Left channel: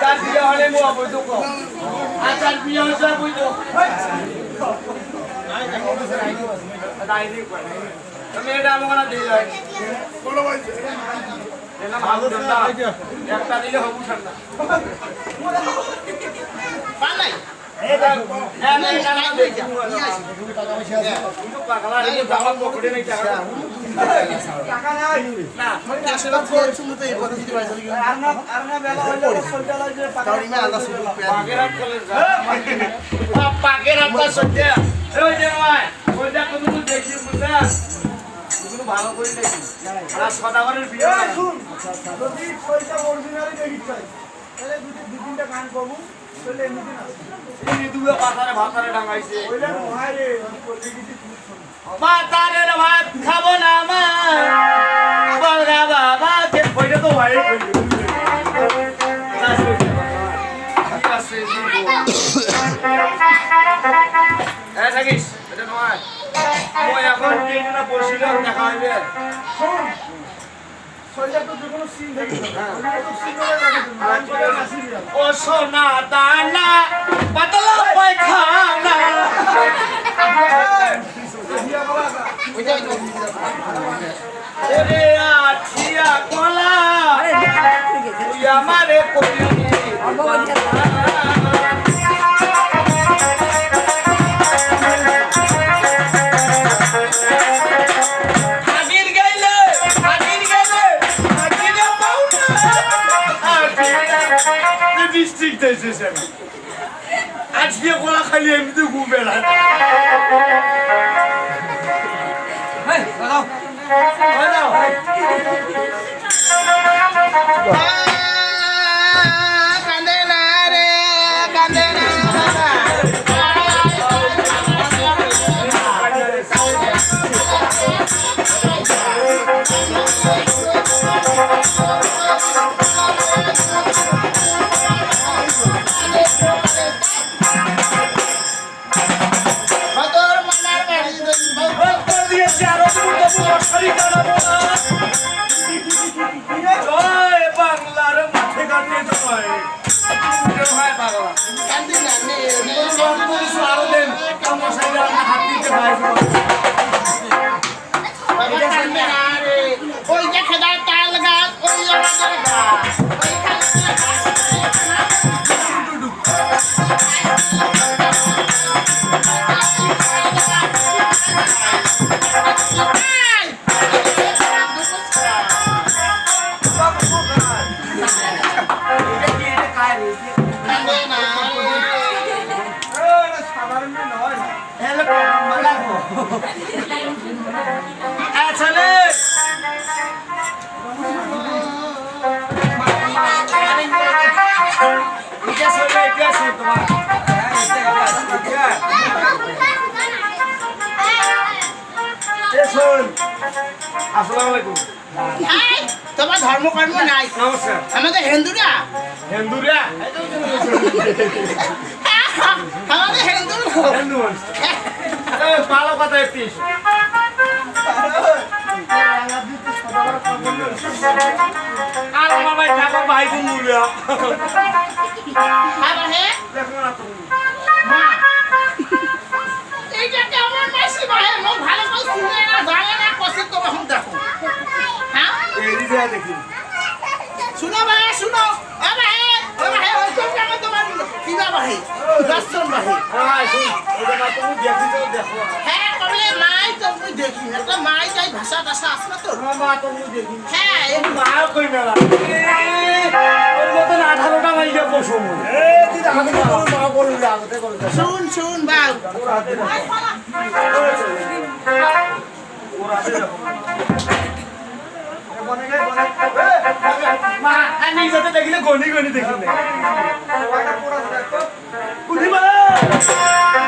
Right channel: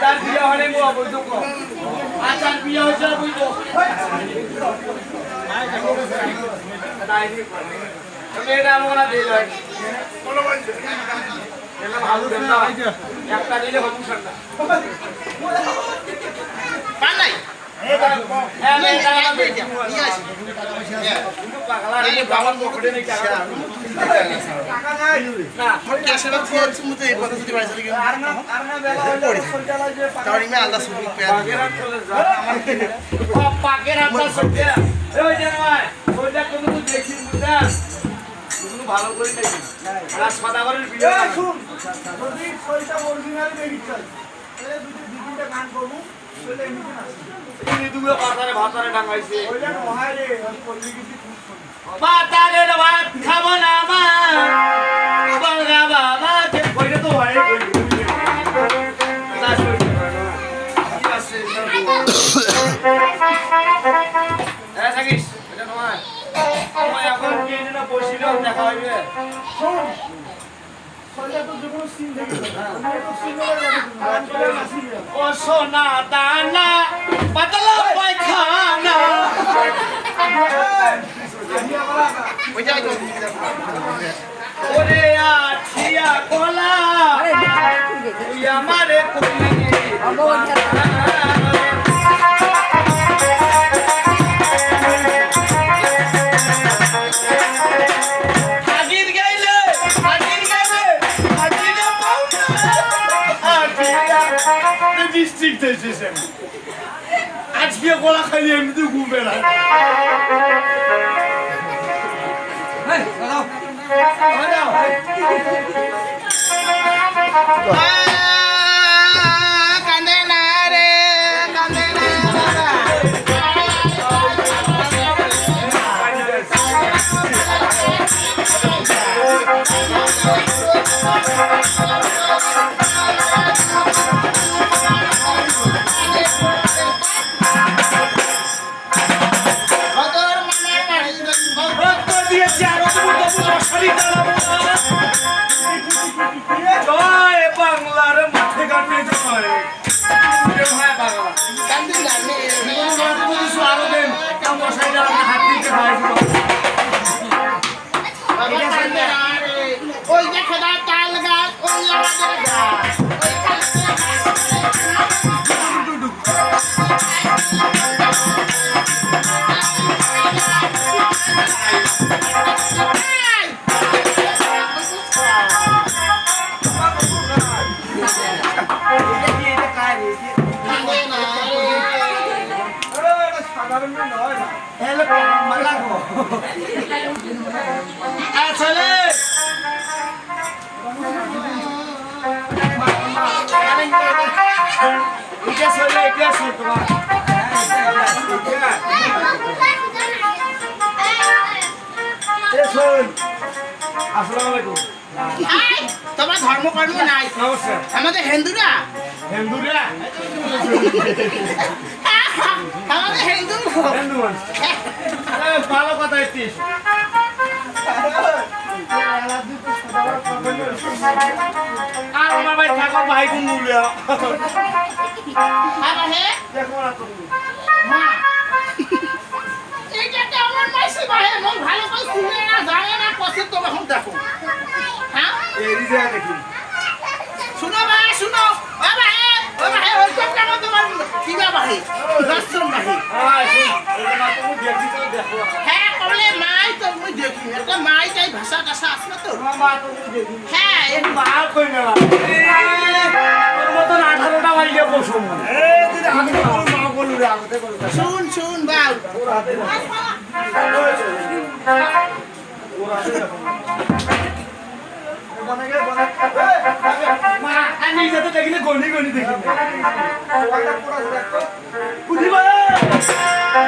যার বিয়া হলে মো বৈধ কম আচার বিয়ে হয়েছে বৈধ মেয়েটা আমাকে না দিয়ে যায় একটা দিলে হবু ঠান্ডা ভালো করে দেখি আর সদাগরের বিয়ে নাই। এই মৃদুয়ে পাতারে ভাতারে ডাঙাইছে পাতারে ভাত খাব না মা বলগা বাবা কে কইরে তো ভাই না হ্যাঁ এখন দেখা হইবে। ও সোনা দানা পাতলা পায়খানা। ওরে আঠিয়া কলা তুই আমারে কইলি। ডিস্ট্রিক্ট এসেছে। আজকে কলা খালি এমনিতে ঘুমবে না। কান্দে আরও দেন। তোমার এ শোন আসসালামু আলাইকুম এই, তোমার ধর্মকর্ম নাই নমস্কার আমাদের হিন্দুরা হিন্দুরা আমাদের হিন্দু হিন্দু ভালো কথা একটি আর আমার ভাই ঠাকুর ভাই কোন মূল্য আবার হে দেখো না তুমি মা এইটা কেমন মাসি বাহে মোর ভালো করে শুনে না জানে না কসে তো এখন দেখো হ্যাঁ এই যে দেখি শুনো বাহে শুনো ও বাহে ও বাহে ওই কোন কাম তোমার কিবা বাহে দর্শন বাহে হ্যাঁ তুমি দেখি তো দেখো হ্যাঁ কবলে মাই তো মুই দেখি এটা মাই যাই ভাষা টাষা আছে না তো তোমার মা তুমি দেখি হ্যাঁ এই মা কই না। ওর মতন আঠারোটা মাইকে বসো মা বলু আগতে করো শুন শুন বাউ। ওর হাতে দেখো ওর হাতে দেখো মা আমি সাথে দেখিলে গনি গনি দেখি না উঠিবা উঠিবা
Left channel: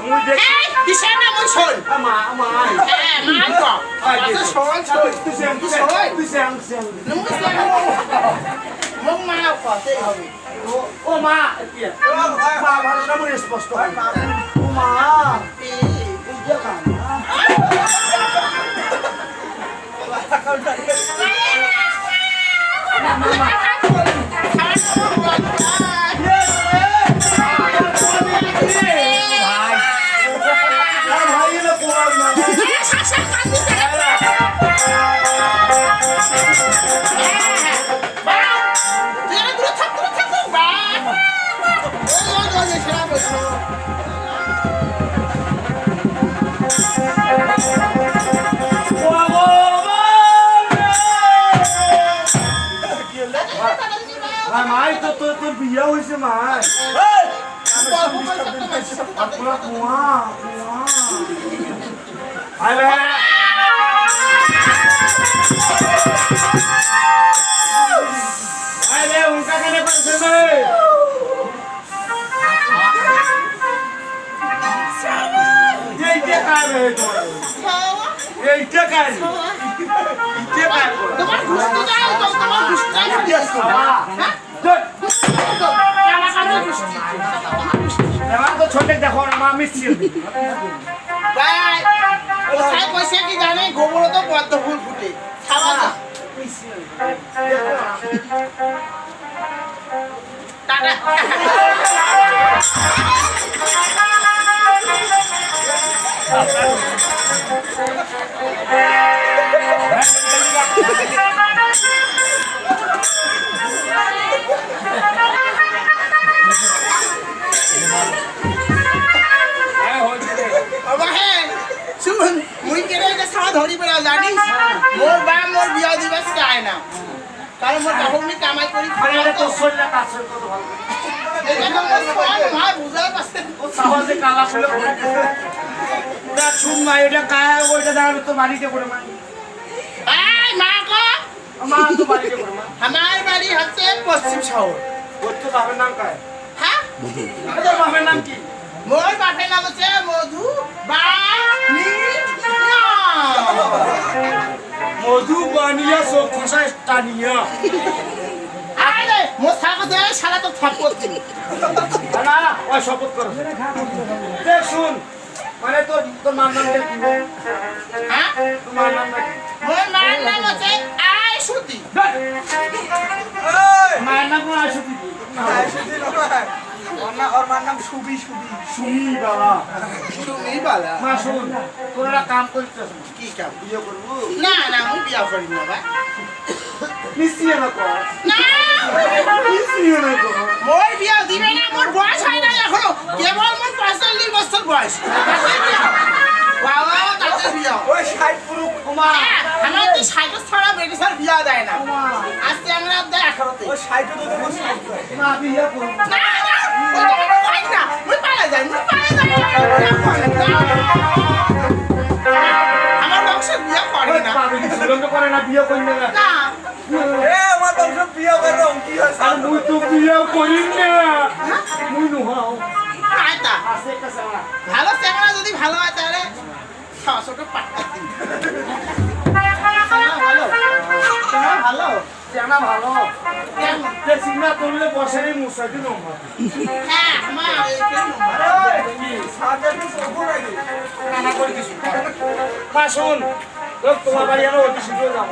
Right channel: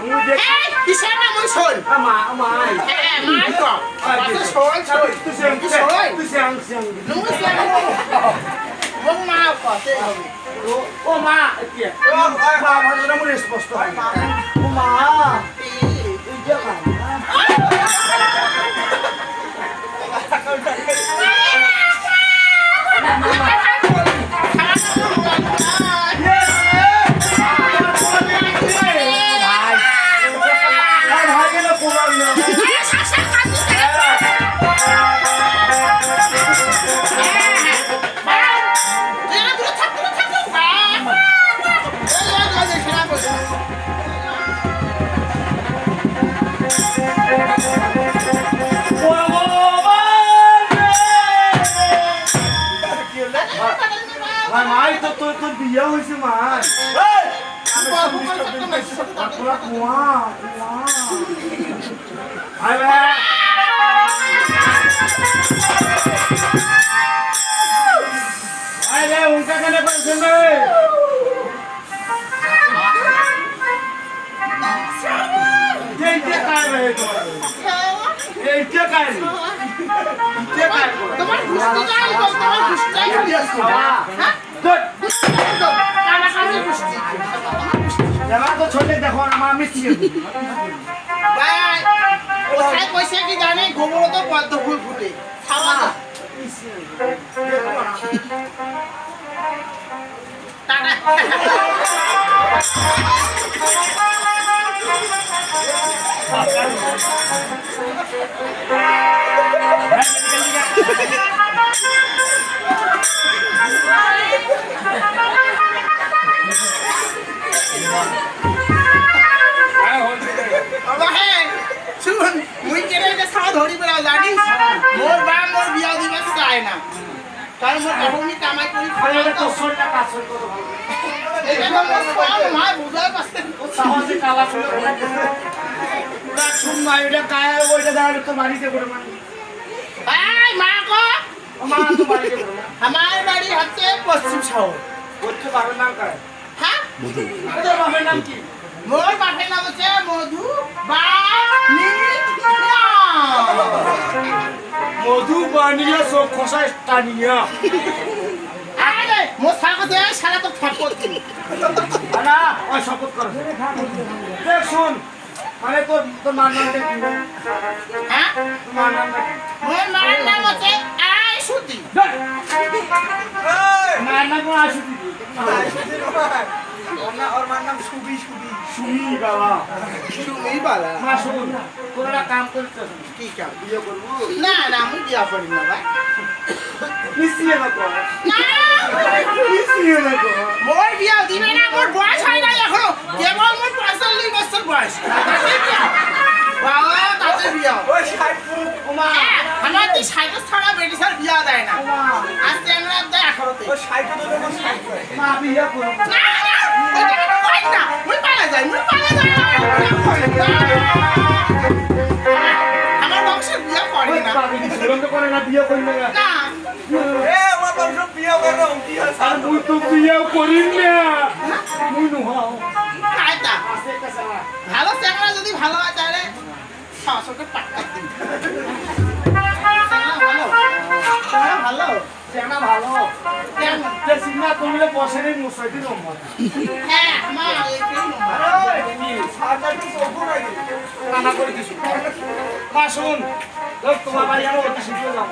মুই দেখি কিসের না মুই শোন আমা আমা হ্যাঁ মাই তো আচ্ছা শোন শোন আচ্ছা, তুই সেম তুই শোন তুই সেম সেম। নুই সেম মম মা কতে হবে ও মা কি? ও মা। ভালো না মুই স্পষ্ট হয়। ও মা বুঝা না মামা বিয়ে হয়েছে মাই আর পুরো কুয়া কুয়া ভাই ভাই উনকা কেন করছে ভাই এইটা কায় ভাই তোরা এইটা কায় নি এইটা কায় তোমার চাই তো তোমার গুষ্টি হ্যাঁ গুড এবার তো ছোটে দেখো না মা মিষ্টি কোথায় পয়সা কি জানে গোবর তো পদ্ম ফুল ফুটে টাটা শুন মুই কেনে এটা সারা ধরি বলা জানিস? মোর বা মোর বিয়া দিবে চায় না। কারণ মোর বাবুনি কামাই করি আরে এটা তো। শরীরটা কাছে কত ভালো এটা মোর সব ভাই বুঝাই পাচ্ছে সাহসে কালা ফুলে ওটা শুন মা এটা কায় ওইটা দেখা তো বাড়িতে করে মা। এই মা কো মা তো বাড়িতে করে মা। আমার বাড়ি হচ্ছে পশ্চিম শহর। করতে কায় তোর নাম কি? মোর বাপের নাম হচ্ছে মধু বা মধু বানিয়া সব খসা টানিয়া। আরে মোর সারা দে সারা তো থাপ্পড় না ওই শপথ কর। দেখ শুন মানে তোর তোর মার নাম কি? হ্যাঁ? মার নাম নাম নাম দিদি বাবা সুমি বালা মা শুন তোরা কাম করছিস কি কাম বিয়ে করব না না আমি বিয়া করি না ভাই মিশিয়ে না কর না মিশিয়ে না কর মোর বিয়া দিবে না মোর বয়স হয় না এখনও কেবল মোর পঁয়তাল্লিশ বছর বয়স বাবা তাতে বিয়া ওমা হ্যাঁ, আমার তো সাইকেল ছাড়া বেটিসার বিয়া দেয় না আজকে আমরা দেয় আঠারোতে মা বিয়ে করব না না ওটা আমার হয় না মুই পালা যাই মুই পালা যাই বিয়া করে না। ভালো চ্যাংড়া যদি ভালো হয় তাহলে ভালো চ্যাংড়া ভালো হ্যাঁ মা শুন তোমার বাড়ি আমি অতি শীঘ্র যাব